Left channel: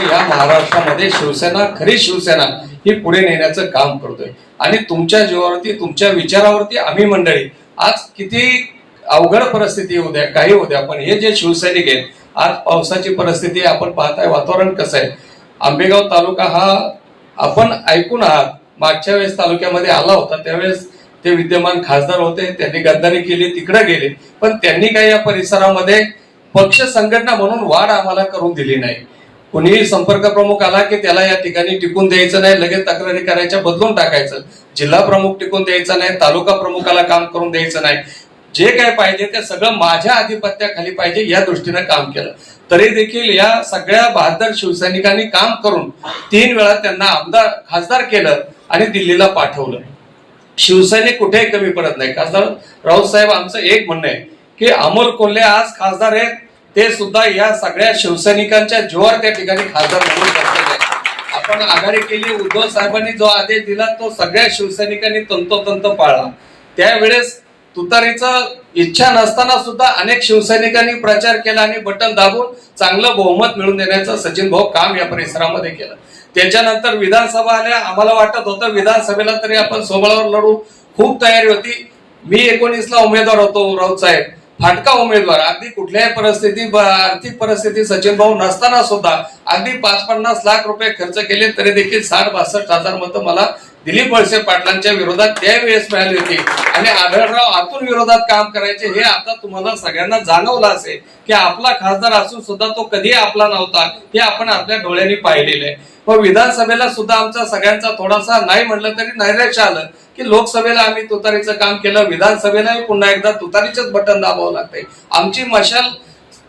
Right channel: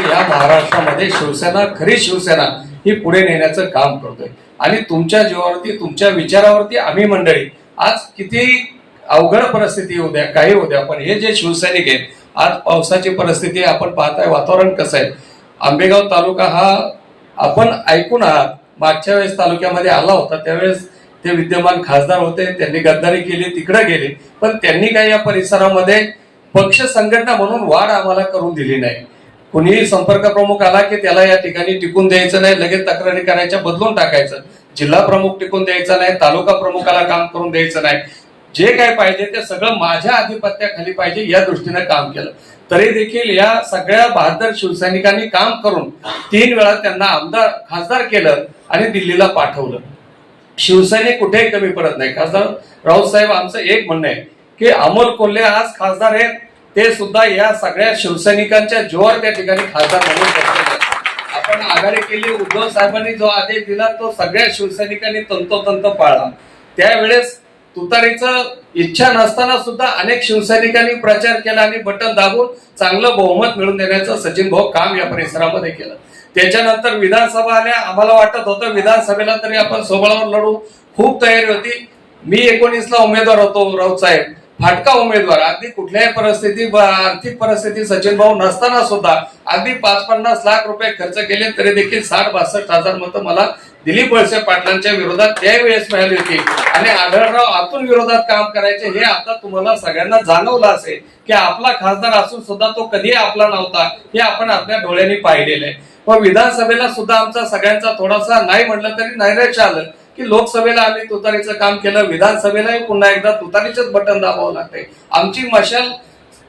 या महाराष्ट्रामध्ये शिवसेना खरी शिवसेना ही पुढे नेण्याचं काम करतोय. आणि तुमच्या जीवावरती तुमच्या विचारावरती आम्ही मंडळी आज किती अवघड परिस्थिती होऊ द्या काही होऊ द्या पण हे जे शिवसैनिक आहेत आज पावसाची परिस्थिती आपण पाहताय वातावरण कसं आहे. आंबेगाव तालुका हा आपण ऐकून आहात मागच्या वेळेस तालुक्यामध्ये आला होता त्यावेळेस ते विद्यमान खासदार होते त्यांनी गद्दारी केली तिकडे गेले पण त्यांनी काही या परिसरामध्ये पक्ष संघटना म्हणून वाढ आम्हाला करून दिली नाही. कुणीही संपर्क प्रमुख आला की त्याला या ठिकाणी टिकून द्यायचं नाही लगेच तक्रारी करायच्या बदलून टाकायचं. जिल्हा प्रमुख टिकून द्यायचा नाही तालुका प्रमुखाला काम करून द्यायचं नाही. जे काय पाहिजे ते सगळं माझ्या आधिपत्याखाली पाहिजे या दृष्टीनं काम केलं. तरी देखील या सगळ्या बहादर शिवसैनिकांनी काम करून तीन वेळा त्यांना आमदार खासदार केलं आणि दिल्लीला पाठवलं. शिवसैनिक कुठेही कमी पडत नाही. खासदार राऊत साहेब आमचं एक म्हणणं आहे की अमोल कोल्हे आज खासदार आहेत. ते सुद्धा या सगळ्या शिवसैनिकांच्या जोर त्या ठिकाणी खासदार म्हणून बसलेले आपण आघाडी केली उद्धव साहेबांनी जो आदेश दिला तो सगळ्या शिवसैनिकांनी तंतोतंत पाळला. त्यावेळेस तुतारीचं इच्छा नसताना सुद्धा अनेक शिवसैनिकांनी प्रचार केला आणि बटन दाबून चांगलं बहुमत मिळवून देण्याचं सचिन भाऊ काम या परिसरामध्ये केलं. त्याच्यानंतर विधानसभा आल्या आम्हाला वाटत होतं विधानसभेला तरी आपण सोबळावर लढू. खूप तयारी होती. मी एकोणीसला उमेदवार होतो राऊत साहेब. फाटका उमेदवार. अगदी कुठल्याही परिस्थिती आर्थिक परिस्थिती सचिन भाऊ नसताना सुद्धा अगदी पाच पन्नास लाख रुपये खर्च केले तरी देखील साठ बासष्ट हजार मतं मला दिलीप वळसे पाटलांच्या विरोधात त्यावेळेस मिळाली होती. आणि आढळराव आतून विरोधात काम करायचे हे आता तुम्हाला सगळ्यांना जाणवलं असेल की आपला खासदार असून सुद्धा तो कधी आपला नव्हता हे आपण आपल्या डोळ्यांनी पाहिलेलं आहे. मग विधानसभेला सुद्धा आमचा सगळ्यांचा थोडासा नाही म्हणलं तरी नैराश्य आलं. की लोकसभेला आम्ही तुतारीचं काम केलं विधानसभेलाही पुन्हा एकदा तुतारीचंच बटन दाबावं लागतंय. आमची मशाल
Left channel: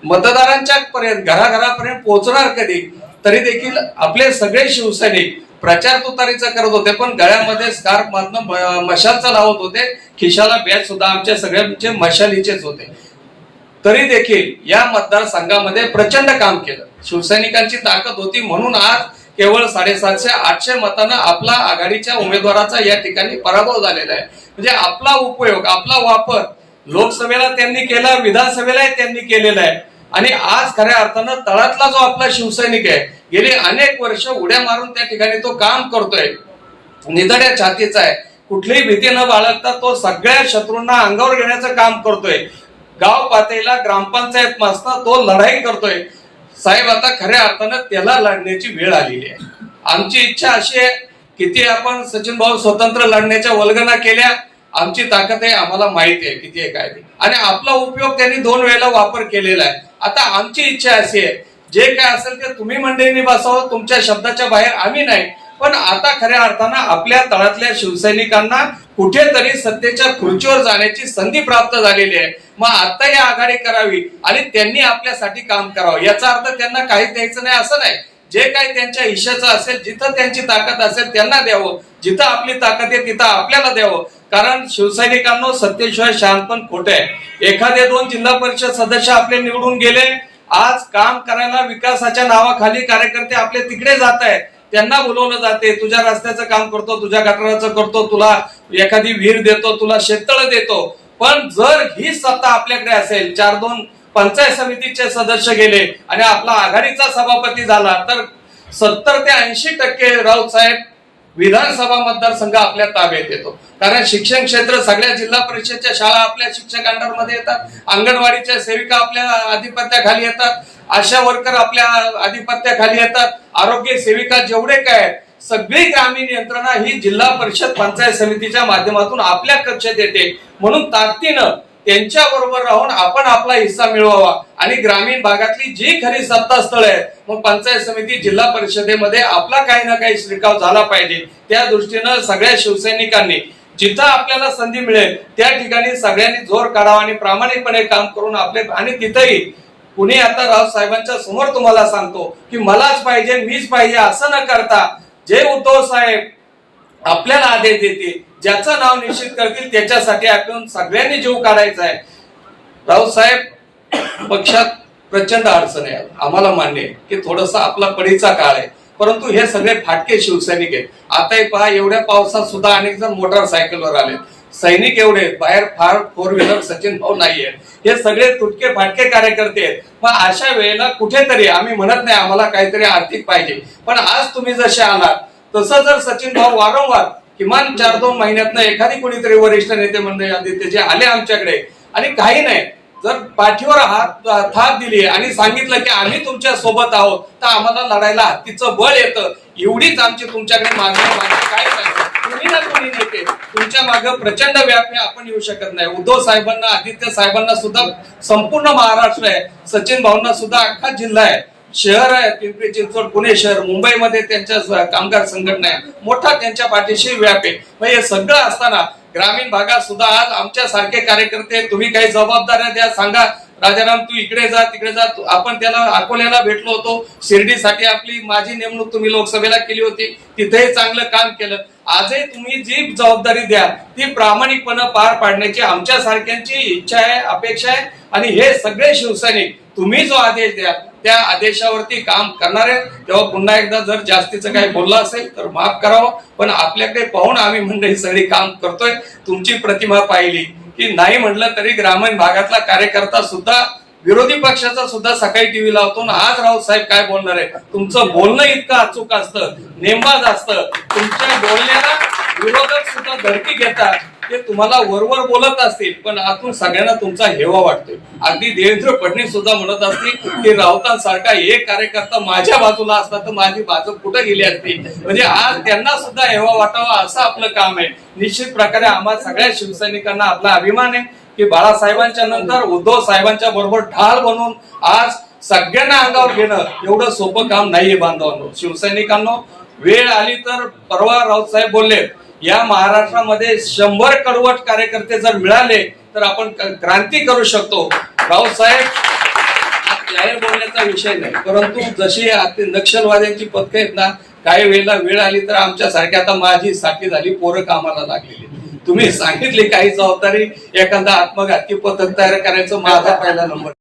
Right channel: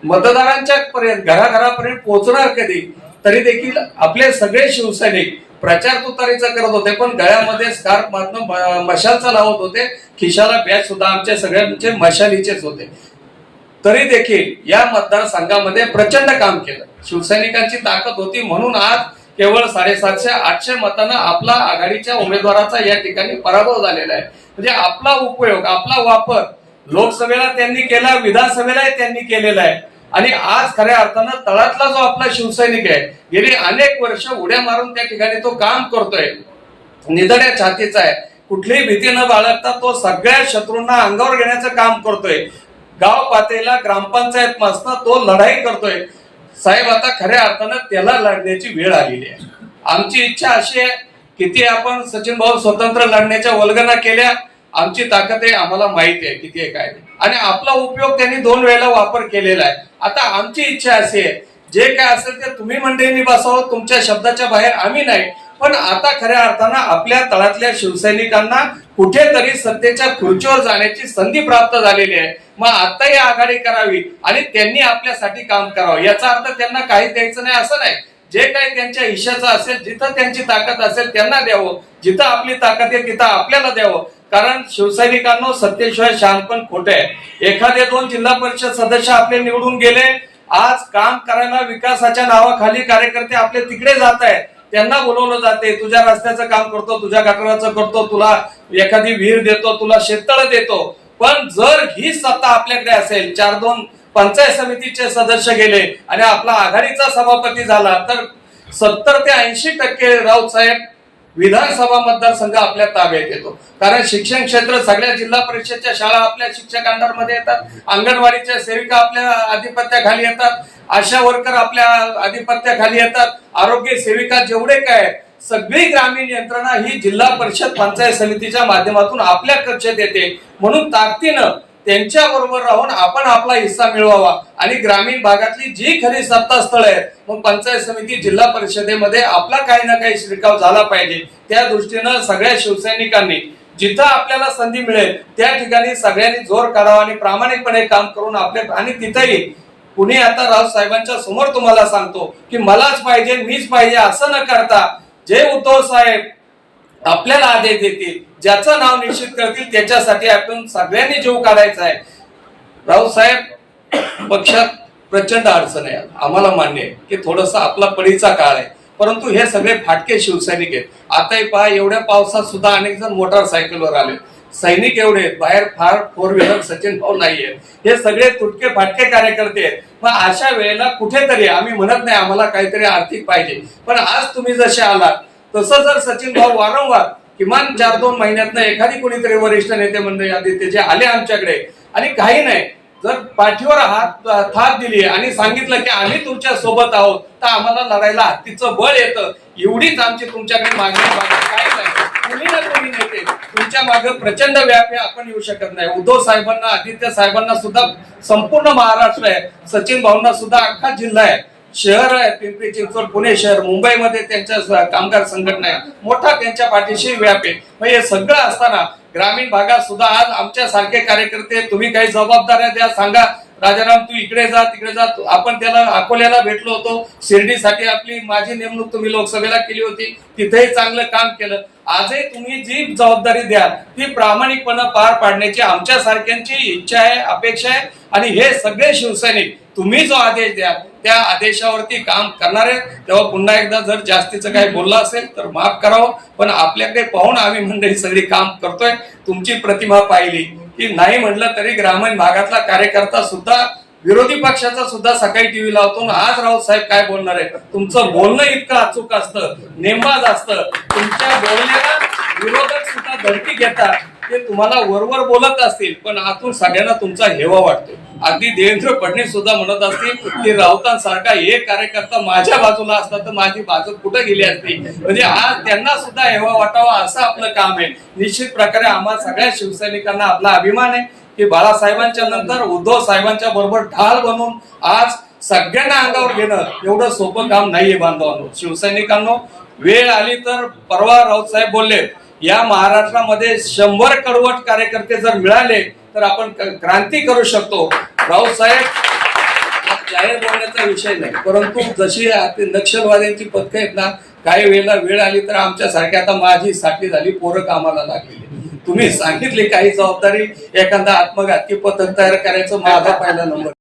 मतदारांच्या पर्यंत घराघरापर्यंत पोहोचणार कधी? तरी देखील आपले सगळे शिवसैनिक प्रचार तुतारीचा करत होते पण गळ्यामध्ये स्कार्फ मातनं मशालचा लावत होते. खिशाला बॅच सुद्धा आमच्या सगळ्यांचे मशालीचेच होते. तरी देखील या मतदारसंघामध्ये प्रचंड काम केलं. शिवसैनिकांची ताकद होती म्हणून आज केवळ साडेसातशे आठशे मतानं आपला आघाडीच्या उमेदवाराचा या ठिकाणी पराभव झालेला आहे. म्हणजे आपला उपयोग आपला वापर लोकसभेला त्यांनी केला विधानसभेलाही त्यांनी केलेला आहे. आणि आज खऱ्या अर्थानं तळातला जो आपला शिवसैनिक आहे गेली अनेक वर्ष उड्या मारून त्या ठिकाणी तो काम करतोय. निधड्या छातीचा आहे. कुठलीही भीती न बाळगता तो सगळ्या शत्रूंना अंगावर घेण्याचं काम करतोय. गाव पातळीला ग्रामपंचायत मासना तो लढाई करतोय. साहेब आता खऱ्या अर्थानं त्याला लढण्याची वेळ आलेली आहे. आमची इच्छा अशी आहे किती आपण सचिन भाऊ स्वतंत्र लढण्याच्या वल्गना केल्या आमची ताकद आहे आम्हाला माहिती आहे किती आहे काय आणि आपला उपयोग त्यांनी दोन वेळेला वापर केलेला आहे. आता आमची इच्छा अशी आहे जे काय असेल ते तुम्ही मंडळींनी बसावं तुमच्या शब्दाच्या बाहेर आम्ही नाही. पण आता खऱ्या अर्थानं आपल्या तळातल्या शिवसैनिकांना कुठेतरी सत्तेच्या खुर्चीवर जाण्याची संधी प्राप्त झालेली आहे. मग आता ही आघाडी करावी आणि त्यांनी आपल्यासाठी काम करावं. याचा अर्थ त्यांना काही द्यायचं नाही असं नाही. जे काही त्यांच्या हिश्श्याचं असेल जिथं त्यांची ताकद असेल त्यांना द्यावं. जिथं आपली ताकद आहे तिथं आपल्याला द्यावं. कारण शिवसैनिकांना सत्तेशिवाय शानपण खोटे आहे. एखादे दोन जिल्हा परिषद सदस्य आपले निवडून गेले आज काम करायला विकासाच्या नावाखाली कार्यकर्ते आपले तिकडे जात आहेत. त्यांना बोलवलं जाते तुझ्या रस्त्याचं काम करतो तुझ्या गटाराचं करतो तुला एखादी विहीर देतो तुला शेततळ देतो. पण जर ही सत्ता आपल्याकडे असेल चार दोन पंचायत समितीचे सदस्य गेले आणि आपला आघाडीचा सभापती झाला तर सत्तर ते ऐंशी टक्के राऊत साहेब विधानसभा मतदारसंघ आपल्या ताब्यात येतो. कारण शिक्षण क्षेत्र सगळ्या जिल्हा परिषदच्या शाळा आपल्या शिक्षक अंडरमध्ये येतात अंगणवाडीच्या सेविका आपल्या आधिपत्याखाली येतात आशा वर्कर आपल्या आधिपत्याखाली येतात. आरोग्य सेविका जेवढे काय सगळी ग्रामीण यंत्रणा ही जिल्हा परिषद पंचायत समितीच्या माध्यमातून आपल्या कक्षेत येते. म्हणून ताकदीनं त्यांच्या बरोबर राहून आपण आपला हिस्सा मिळवावा. आणि ग्रामीण भागातली जी खरी सत्ता स्थळ आहेत मग पंचायत समिती जिल्हा परिषदेमध्ये आपला काही ना काही शिरकाव झाला पाहिजे. त्या दृष्टीनं सगळ्या शिवसैनिकांनी जिथं आपल्याला संधी मिळेल त्या ठिकाणी सगळ्यांनी जोर काढावा आणि प्रामाणिकपणे काम करून आपले आणि तिथंही कुणी आता रावसाहेबांच्या समोर तुम्हाला सांगतो की मलाच पाहिजे मीच पाहिजे असं न करता जे उद्धव साहेब आपल्याला आदेश देतील ज्याचं नाव निश्चित करतील त्याच्यासाठी आपण सगळ्यांनी जीव काढायचा आहे. रावसाहेब साहेब पक्षात प्रचंड अडचण आहे. आम्हाला मान्य आहे की थोडासा आपला पडीचा काळ आहे. परंतु हे सगळे फाटके शिवसैनिक आहेत. आताही पहा एवढ्या पावसात सुद्धा अनेक जण मोटारसायकलवर आले. सैनिक एवढे बाहेर फार फोर व्हीलर सचिन भाऊ नाहीये. हे सगळे तुटके फाटके कार्यकर्ते आहेत. मग अशा वेळेला कुठेतरी आम्ही म्हणत नाही आम्हाला काहीतरी आर्थिक पाहिजे. पण आज तुम्ही जसे आलात तसं जर सचिन भाऊ वारंवार किमान चार दोन महिन्यातनं एखादी कोणीतरी वरिष्ठ नेते मंडळी आदित्यचे आले आमच्याकडे आणि काही नाही जर पाठीवर हात थाप दिली आणि सांगितलं की आम्ही तुमच्यासोबत आहोत तर आम्हाला लढायला हत्तीचं बळ येतं. एवढीच आमची तुमच्याकडे मागणी काय नाही. कोणी ना कोणी नेते. तुमच्या मागे प्रचंड व्याप आहे आपण येऊ शकत नाही. उद्धव साहेबांना आदित्य साहेबांना सुद्धा संपूर्ण महाराष्ट्र आहे. सचिन भाऊंना सुद्धा अख्खा जिल्हा आहे. शहर आहे पिंपरी चिंचवड पुणे शहर मुंबईमध्ये त्यांच्या कामगार संघटना आहे. मोठा त्यांच्या पाठीशी व्याप आहे. मग हे सगळं असताना ग्रामीण भागात सुद्धा आज आमच्या सारखे कार्यकर्ते तुम्ही काही जबाबदाऱ्या द्या सांगा. राजाराम तू इकडे जा तिकडे जा. आपण त्याला अकोल्याला भेटलो होतो. शिर्डीसाठी आपली माझी नेमणूक तुम्ही लोकसभेला केली होती. तिथेही चांगलं काम केलं. आजही तुम्ही जी जबाबदारी द्या ती प्रामाणिकपणे पार पाडण्याची आमच्या सारख्यांची इच्छा आहे अपेक्षा आहे. आणि हे सगळे शिवसैनिक तुम्ही जो आदेश द्या त्या आदेशावरती काम करणार आहे तेव्हा पुन्हा एकदा जर जास्तीचं काही बोललं असेल तर माफ करावं. पण आपल्याकडे पाहून आम्ही मंडळी सगळी काम करतोय. तुमची प्रतिमा पाहिली. की नाही म्हटलं तरी ग्रामीण भागातला कार्यकर्ता सुद्धा विरोधी पक्षाचा सुद्धा सकाळी टीव्ही लावतो ना आज राऊत साहेब काय बोलणार आहे? तुमचं बोलणं इतकं अचूक असतं नेमबाज असतं. तुमच्या बोलण्याला विरोधक सुद्धा धडकी घेतात. ते तुम्हाला वरवर बोलत असतील पण आतून सगळ्यांना तुमचा हेवा वाटतो अगदी देवेंद्र फडणवीस सुद्धा म्हणत असतील की राऊतांसारखा एक कार्यकर्ता माझ्या बाजूला असता तर माझी बाजू कुठे गेली असती? म्हणजे आज त्यांना सुद्धा हेवा वाटावा असं आपलं काम आहे. निश्चित प्रकारे आम्हा सगळ्या शिवसैनिकांना आपला अभिमान आहे की बाळासाहेबांच्या नंतर उद्धव साहेबांच्या बरोबर ढाल बनून आज सगळ्यांना अंगावर घेणं एवढं सोपं काम नाहीये बांधवांनो. शिवसैनिकांनो वेळ आली तर परवा राऊत साहेब बोलले या महाराष्ट्रामध्ये शंभर कडवट कार्यकर्ते जर मिळाले तर आपण क्रांती करू शकतो. रावसाहेब साहेब जाहीर बोलण्याचा विषय नाही. परंतु जशी आता नक्षलवाद्यांची पथकं आहेत ना काही वेळेला वेळ आली तर आमच्या सारख्या आता माझी साठी झाली पोरं कामाला लागलेली. तुम्ही सांगितली काही जबाबदारी एखादा आत्मघातकी पथक तयार करायचं माझा पहिला नंबर.